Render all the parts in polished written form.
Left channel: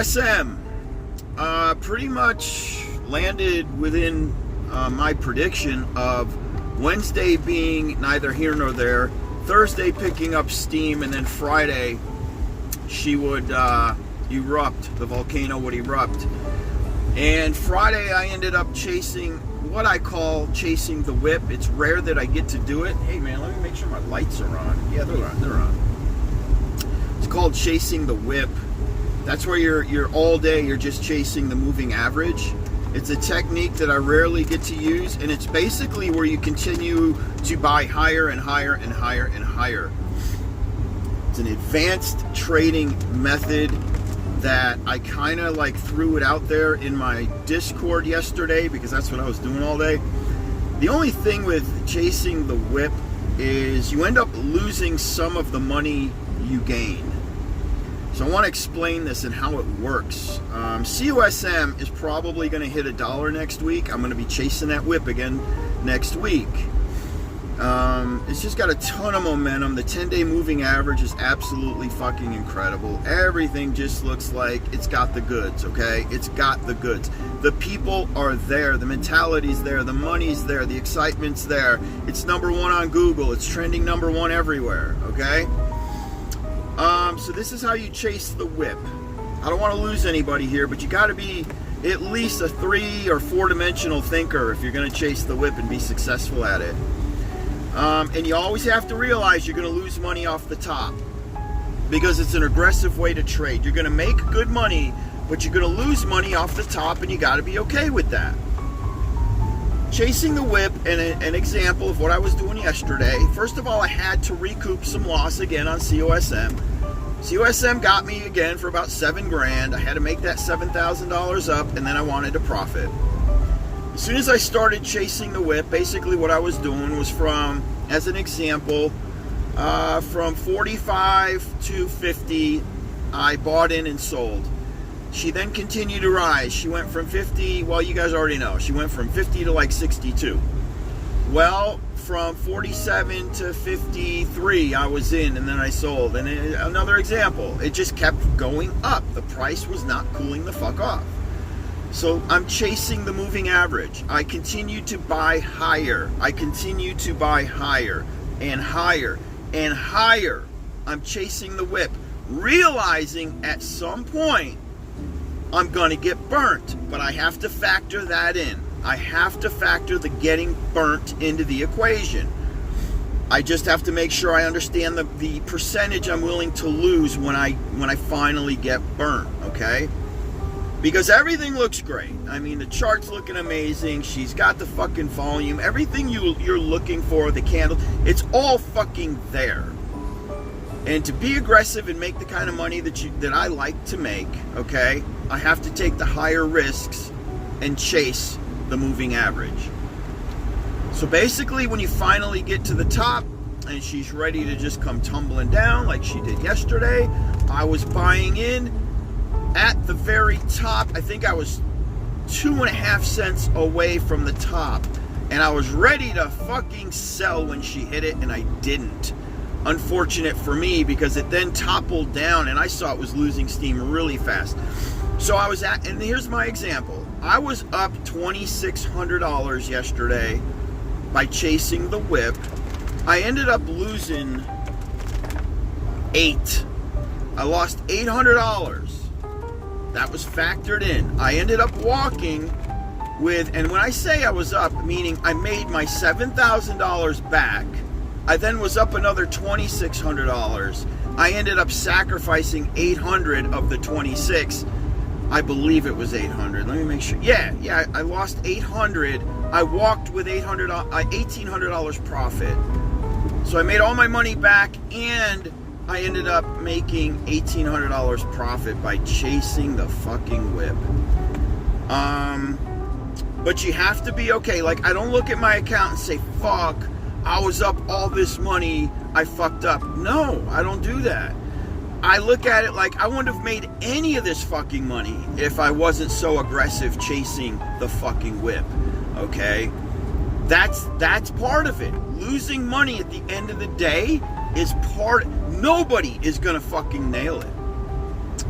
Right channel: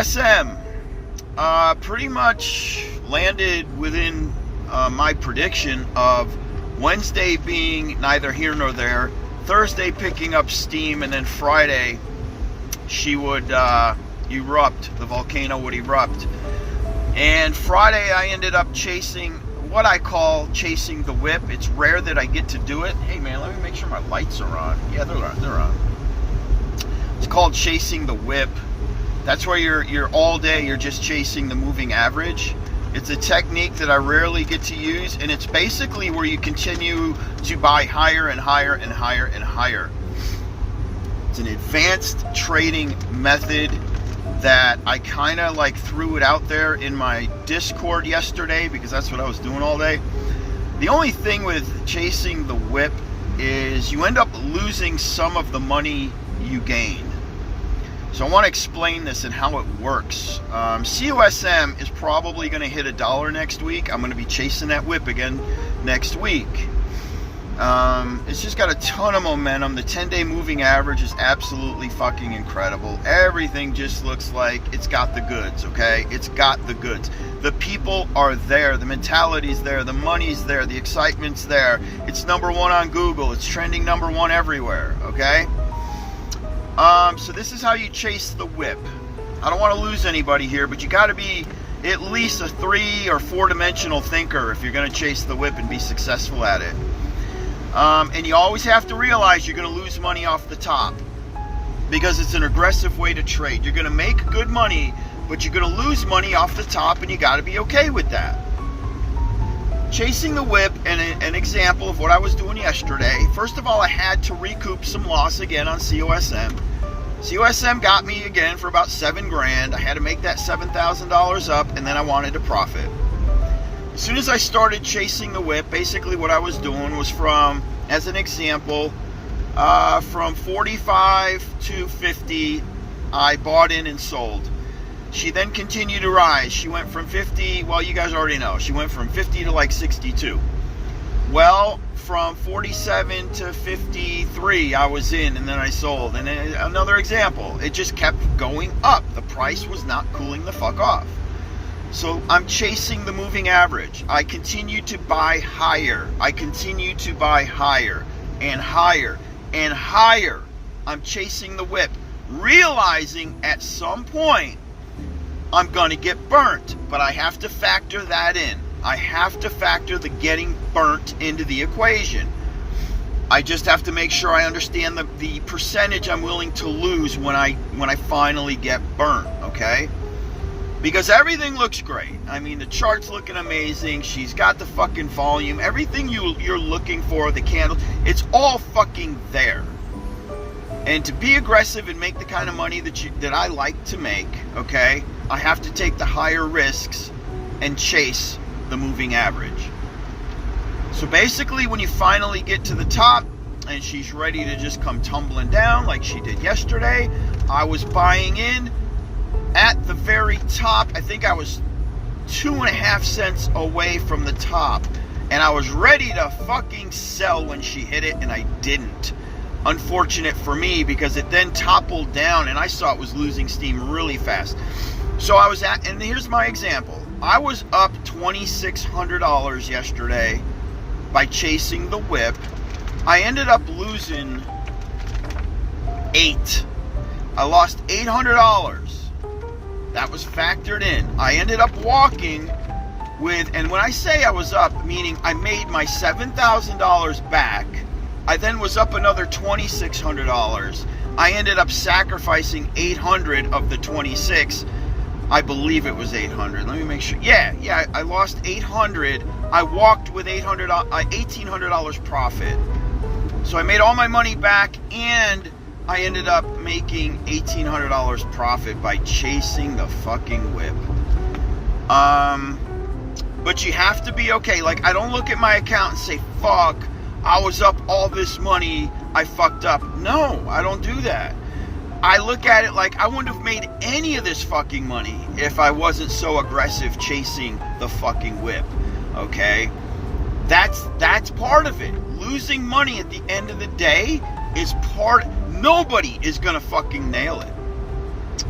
COSM pretty much landed within my prediction of Wednesday being neither here nor there, Thursday picking up steam, and then Friday she would erupt. The volcano would erupt. And Friday I ended up chasing what I call chasing the whip. It's rare that I get to do it. Hey man, let me make sure my lights are on. Yeah, they're on. It's called chasing the whip. That's where you're all day, you're just chasing the moving average. It's a technique that I rarely get to use, and it's basically where you continue to buy higher and higher and higher and higher. It's an advanced trading method that I kind of like threw it out there in my Discord yesterday because that's what I was doing all day. The only thing with chasing the whip is you end up losing some of the money you gain. So I want to explain this and how it works. COSM is probably going to hit $1 next week. I'm going to be chasing that whip again next week. It's just got a ton of momentum. The 10-day moving average is absolutely fucking incredible. Everything just looks like it's got the goods, okay? It's got the goods. The people are there. The mentality's there. The money's there. The excitement's there. It's #1 on Google. It's trending #1 everywhere, okay? So this is how you chase the whip. I don't want to lose anybody here, but you got to be at least a 3 or 4 dimensional thinker if you're going to chase the whip and be successful at it. And you always have to realize you're going to lose money off the top because it's an aggressive way to trade. You're going to make good money, but you're going to lose money off the top, and you got to be okay with that. Chasing the whip, and an example of what I was doing yesterday. First of all, I had to recoup some loss again on COSM. COSM got me again for about $7 grand. I had to make that $7,000 up, and then I wanted to profit. As soon as I started chasing the whip, basically what I was doing was from, as an example, from 45 to 50, I bought in and sold. She then continued to rise. She went from 50, well, you guys already know. She went from 50 to like 62. Well, from 47 to 53, I was in, and then I sold. And another example, it just kept going up. The price was not cooling the fuck off. So I'm chasing the moving average. I continue to buy higher. I continue to buy higher and higher and higher. I'm chasing the whip, realizing at some point I'm going to get burnt, but I have to factor that in. I have to factor the getting burnt into the equation. I just have to make sure I understand the percentage I'm willing to lose when I finally get burnt, okay? Because everything looks great. I mean, the chart's looking amazing. She's got the fucking volume. Everything you're looking for, the candle, it's all fucking there. And to be aggressive and make the kind of money that I like to make, okay, I have to take the higher risks and chase the moving average. So basically, when you finally get to the top and she's ready to just come tumbling down like she did yesterday, I was buying in at the very top. I think I was 2.5 cents away from the top, and I was ready to fucking sell when she hit it, and I didn't. Unfortunate for me, because it then toppled down and I saw it was losing steam really fast. So I was at, and here's my example. I was up $2,600 yesterday by chasing the whip. I ended up losing I lost $800. That was factored in. I ended up walking with, and when I say I was up, meaning I made my $7,000 back. I then was up another $2,600. I ended up sacrificing $800 of the 26. I believe it was $800. Let me make sure. Yeah, I lost $800. I walked with $1,800 profit. So I made all my money back, and I ended up making $1,800 profit by chasing the fucking whip. But you have to be okay. Like, I don't look at my account and say, fuck, I was up all this money, I fucked up. No, I don't do that. I look at it like I wouldn't have made any of this fucking money if I wasn't so aggressive chasing the fucking whip, okay? That's part of it. Losing money at the end of the day is part. Nobody is gonna fucking nail it.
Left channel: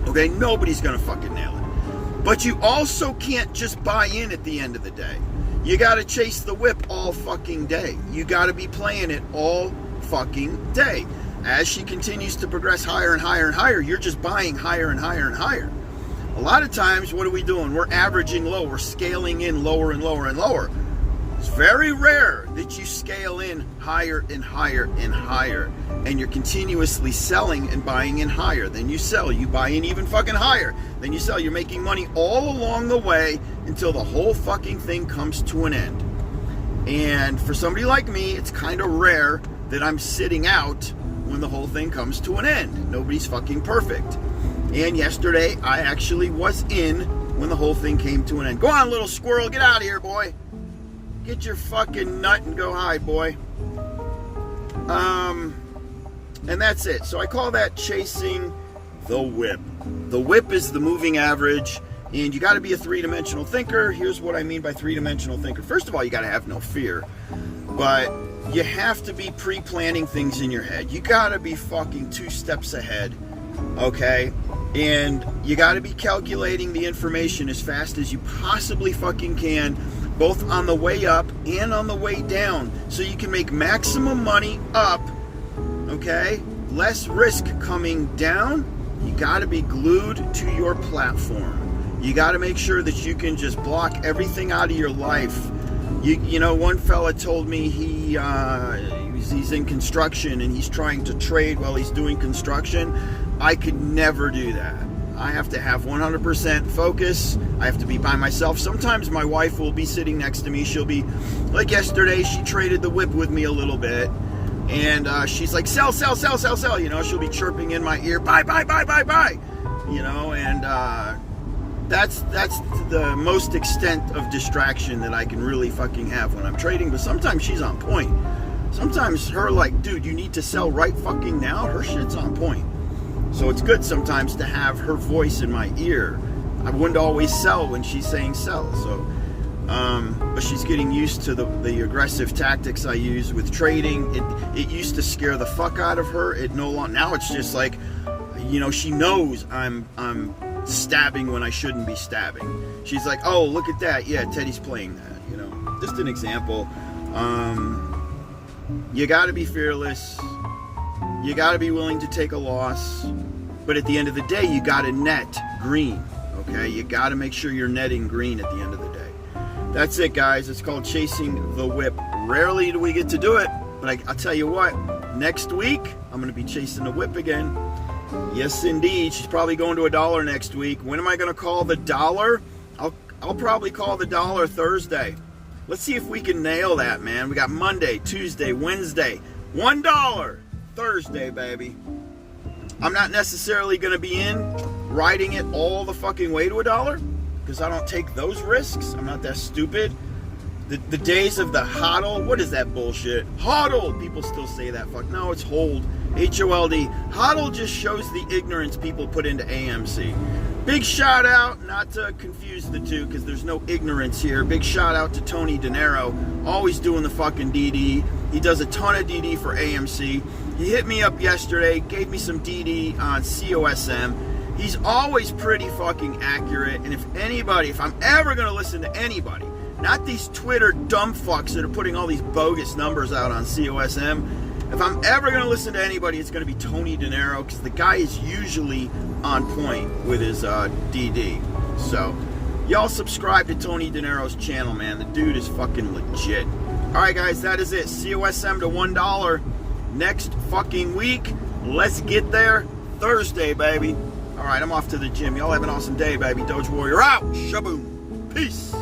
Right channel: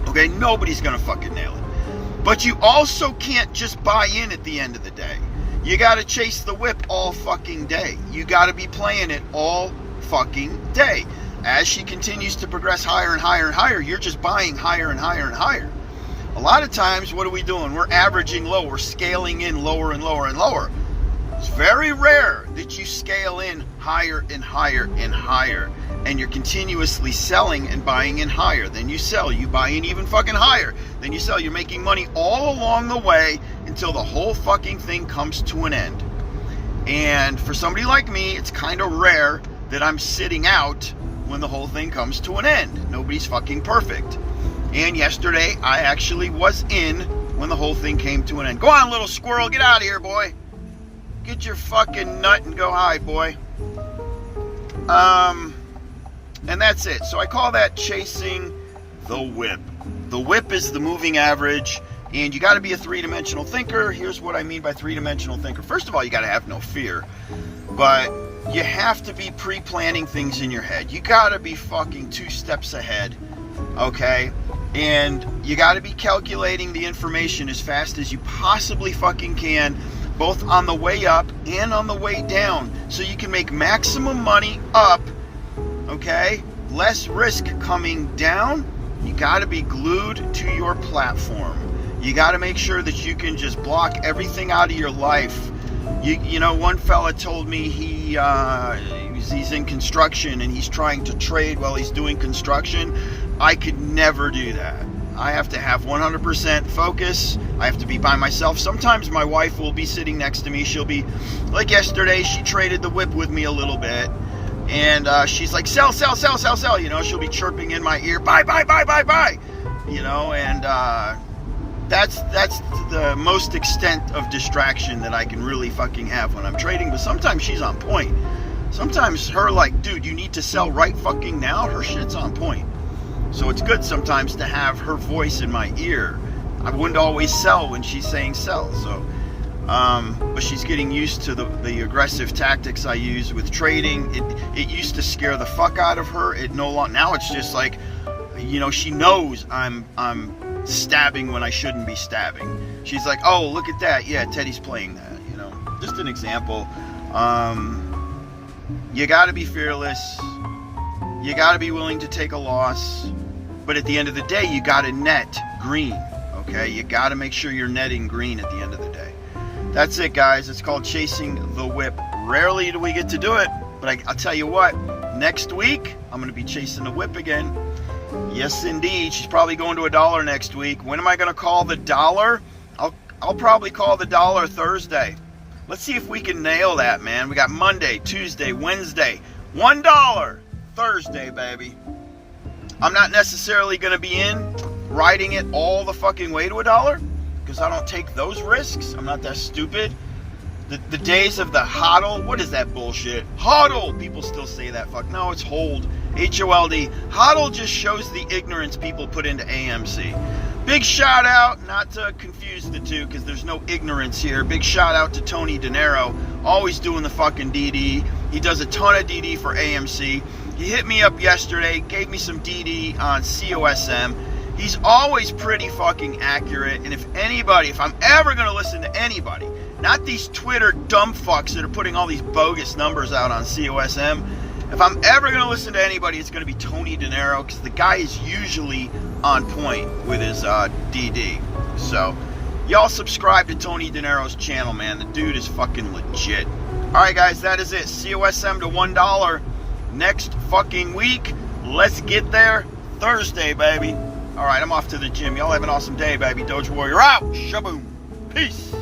Okay, nobody's gonna fucking nail it. But you also can't just buy in at the end of the day. You gotta chase the whip all fucking day. You gotta be playing it all fucking day. As she continues to progress higher and higher and higher, you're just buying higher and higher and higher. A lot of times, what are we doing? We're averaging low. We're scaling in lower and lower and lower. It's very rare that you scale in higher and higher and higher, and you're continuously selling and buying in higher. Then you sell, you buy in even fucking higher. Then you sell, you're making money all along the way until the whole fucking thing comes to an end. And for somebody like me, it's kind of rare that I'm sitting out when the whole thing comes to an end. Nobody's fucking perfect. And yesterday, I actually was in when the whole thing came to an end. Go on, little squirrel, get out of here, boy. Get your fucking nut and go hide, boy. And that's it. So I call that chasing the whip. The whip is the moving average, and you got to be a three-dimensional thinker. Here's what I mean by three-dimensional thinker. First of all, you got to have no fear, but you have to be pre-planning things in your head. You got to be fucking 2 steps ahead, okay? And you got to be calculating the information as fast as you possibly fucking can, both on the way up and on the way down, so you can make maximum money up, okay? Less risk coming down. You got to be glued to your platform. You got to make sure that you can just block everything out of your life. You know, one fella told me he's in construction and he's trying to trade while he's doing construction. I could never do that. I have to have 100% focus. I have to be by myself. Sometimes my wife will be sitting next to me. She'll be, like yesterday, she traded the whip with me a little bit. And she's like, sell, sell, sell, sell, sell. You know, she'll be chirping in my ear, buy, buy, buy, buy, buy. You know, and that's the most extent of distraction that I can really fucking have when I'm trading. But sometimes she's on point. Sometimes her like, dude, you need to sell right fucking now. Her shit's on point. So it's good sometimes to have her voice in my ear. I wouldn't always sell when she's saying sell. So, but she's getting used to the aggressive tactics I use with trading. It used to scare the fuck out of her. It no longer. Now it's just like, you know, she knows I'm stabbing when I shouldn't be stabbing. She's like, oh, look at that. Yeah, Teddy's playing that. You know, just an example. You got to be fearless. You got to be willing to take a loss, but at the end of the day, you got to net green, okay? You got to make sure you're netting green at the end of the day. That's it, guys. It's called chasing the whip. Rarely do we get to do it, but I'll tell you what, next week, I'm going to be chasing the whip again. Yes, indeed. She's probably going to $1 next week. When am I going to call the dollar? I'll probably call the dollar Thursday. Let's see if we can nail that, man. We got Monday, Tuesday, Wednesday, $1. Thursday, baby. I'm not necessarily going to be in riding it all the fucking way to $1 because I don't take those risks. I'm not that stupid. The days of the hodl, what is that bullshit? Hodl! People still say that. Fuck. No, it's hold. H-O-L-D. Hodl just shows the ignorance people put into AMC. Big shout out, not to confuse the two because there's no ignorance here. Big shout out to Tony De Niro, always doing the fucking DD. He does a ton of DD for AMC. He hit me up yesterday, gave me some DD on COSM. He's always pretty fucking accurate. And if I'm ever going to listen to anybody, not these Twitter dumb fucks that are putting all these bogus numbers out on COSM, if I'm ever going to listen to anybody, it's going to be Tony De Niro because the guy is usually on point with his DD. So, y'all subscribe to Tony De Niro's channel, man. The dude is fucking legit. All right, guys, that is it. COSM to $1 next fucking week. Let's get there Thursday, baby. All right, I'm off to the gym. Y'all have an awesome day, baby. Doge Warrior out. Shaboom. Peace.